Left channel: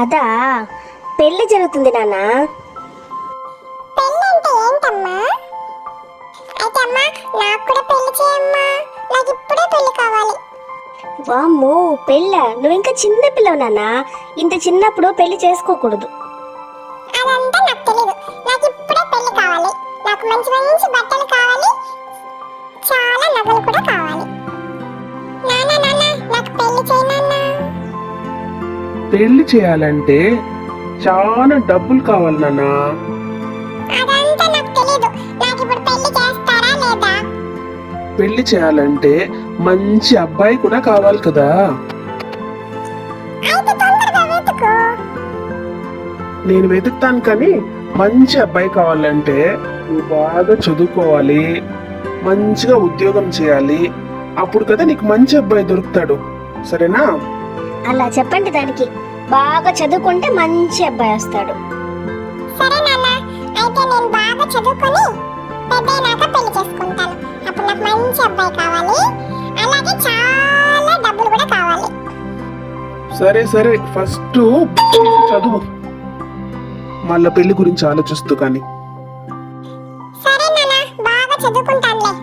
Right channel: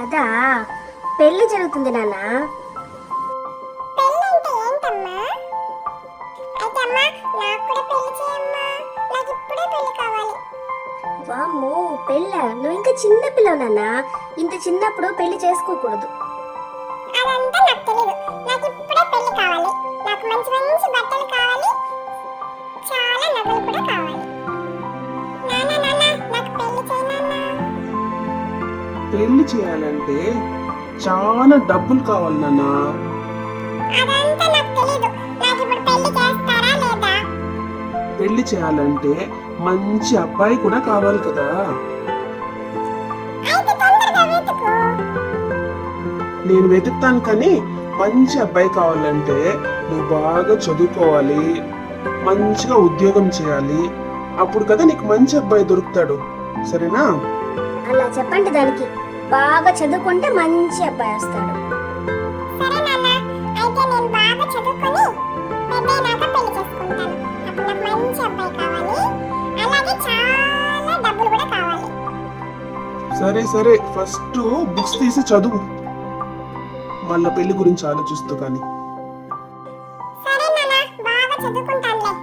అదా, పెళ్లి జరుగుతుంది నాన్న. పెళ్ళి అంటే ఏంటమ్మా? అయితే అమ్మా, నాకు కూడా పెళ్లి చేయమ్మా. నాకు ఇప్పుడే పెళ్లి కావాలి. వామ్మో, పెళ్ళ? నువ్వు ఇంకా చిన్న పిల్లవు నాన్న. ఇంత చిన్నప్పుడు పెళ్లి చేసుకోకూడదు. అదంతా నాకు తెలీదు. నాకు ఇప్పుడే పెళ్లి కావాలి. నాకు మంచి మంచి బట్టలు కావాలి, చాలా నగలు కూడా కావాలి. నాన్న నాన్న, నాకు పెళ్లి చేయి నాన్న. పెళ్లి చేయాలంటే చాలా డబ్బులు కావాలి నాన్న. అదంతా నాకు తెలీదు. నాకు ఇప్పుడు పెళ్లి చేస్తారా లేదా? పెళ్లి చేయాలంటే మంచి అబ్బాయి కూడా కావాలి కదా. అయితే తొందరగా వెతుకు. నేను వెతుకుతాను, కానీ మంచి అబ్బాయి కావాలంటే నువ్వు బాగా చదువుకోవాలి, మంచిగా ఉద్యోగం చేయాలి. అప్పుడు కదా నీకు మంచి అబ్బాయి దొరుకుతాడు. సరేనా? అలా చెప్పండి దానికి. బాగా చదువుకుంటే మంచి అబ్బాయి వస్తాడు. సరే నాన్న, అయితే నేను బాగా చదువుకొని పెద్దయినాక పెళ్లి చేసుకుంటాను. అప్పుడు నాకు మంచి అబ్బాయి కావాలి, అలాగే చాలా డబ్బులు కూడా కావాలి. సరే సరే, ఫస్ట్ బుక్స్ తీసి చదువు, మళ్ళీ పెళ్లి గురించి ఆలోచిస్తూ. కానీ సరే నాన్న, బాగా చదువుకుంటానులే.